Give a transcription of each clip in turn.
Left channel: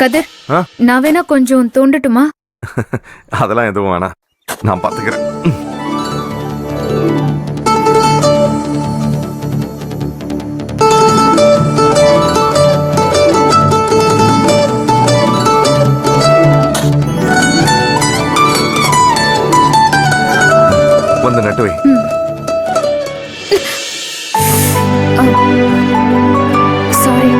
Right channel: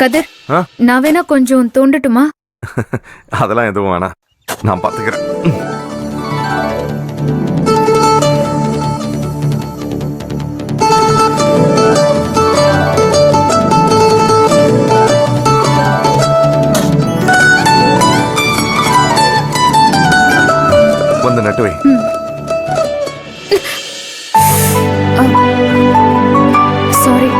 கதிர், நான் வேணா கொஞ்சம் தோண்டட்டுமா? அதெல்லாம் எதுவும் வேணாம், நான் பாத்துக்கிறேன். வந்து நட்டு வை. சாரி.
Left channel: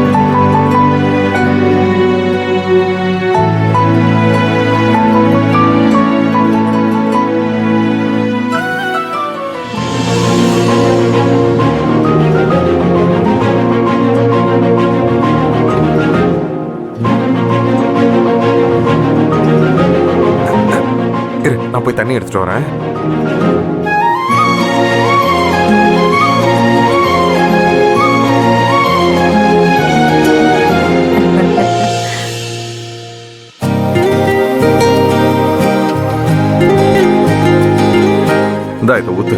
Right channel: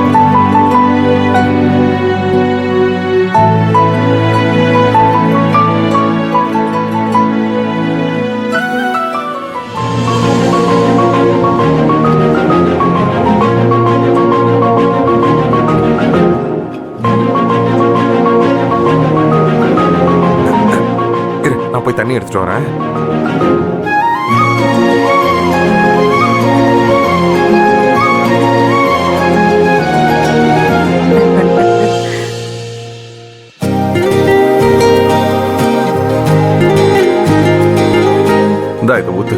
இரு, நான் போய் தண்ணி எடுத்துட்டு வரேன். இந்தா இதை ஊத்து.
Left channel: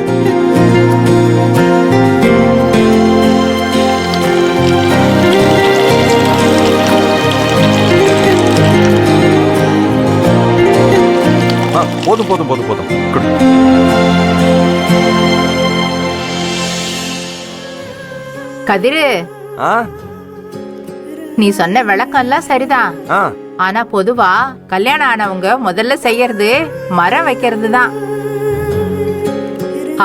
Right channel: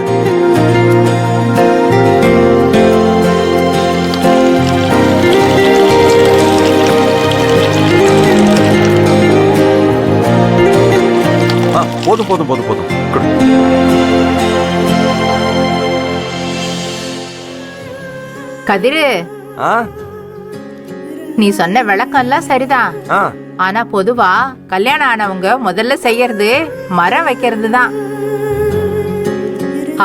போதும் போதும் போதும் போதும். கதிரு, நீ சொன்ன விளக்கம் எல்லாம் சரிதான். ஆனா பொதுவா கல்யாணம் ஆனவங்க முதல்ல செய்யறது மரம் வைக்கிறது தான்.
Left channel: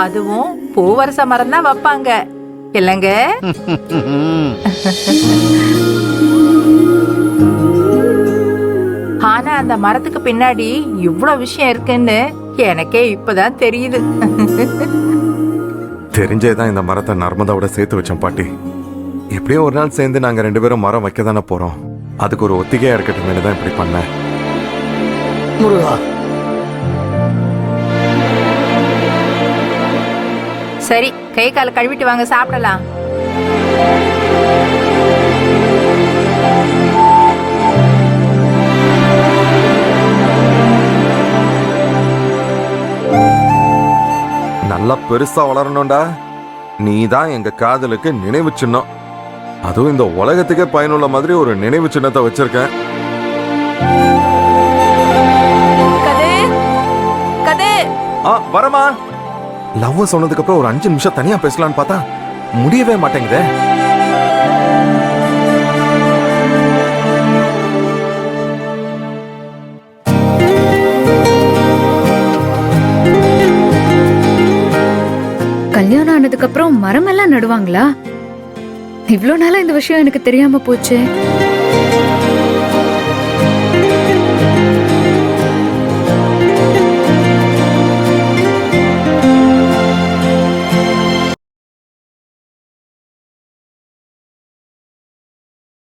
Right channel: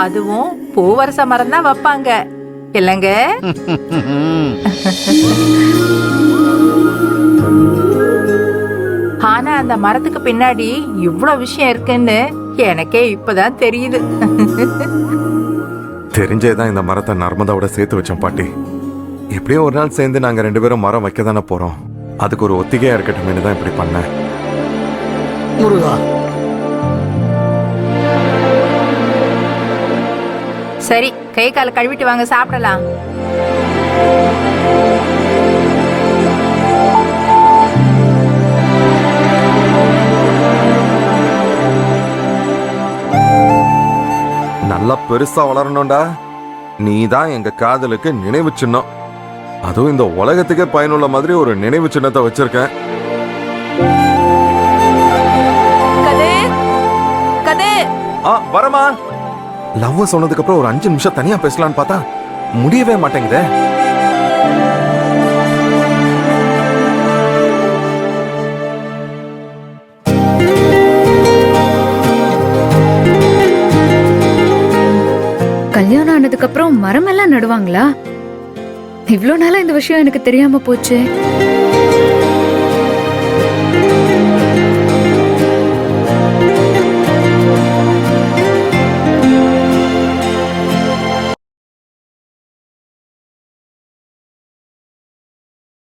அதுவும் பூவரச மரம் தான் வைப்பாங்க இல்லங்க? ஆனா அந்த மரத்துக்கு பின்னாடி இவ்வளவு விஷயம் இருக்குன்னு எனக்கே இப்பதான் தெரியுது. தெரிஞ்சேதான் இந்த மரத்தை நர்மதாவோட சேர்த்து வச்சோம் பாட்டி. எப்படியும் ஒரு நாள் சேர்ந்து நாங்க 2 பேரும் மரம் வைக்க தானே போறோம். அதுக்கு ஒரு ஒத்திகையா இருக்கட்டும் தான் இப்படி பண்ணேன். முருகா, சரி, கை கால கழுவிட்டு வாங்க, சாப்பிடலாம். நல்லா பெருசா வளரணும்டா. நீ தான் எங்க காதலுக்கு நினைவு சின்னம். அதுவும் இந்த உலகத்துக்கே பயனுள்ள மாதிரி ஒரு நினைவு சின்னத்தை வச்சிருக்கேன். வரமா லவ் சொன்னதுக்கு அப்புறம் ஒரு 5 நிமிஷம் தனியா பேசலான்னு பார்த்தா முடியவே மாட்டேங்குதே. கல்யாணம் ஆனதுக்கு அப்புறம் மரம் எல்லாம் நடுவாங்களா? இவ்ளோ நாளா இந்த விஷயம் எனக்கு தெரியாம போச்சு.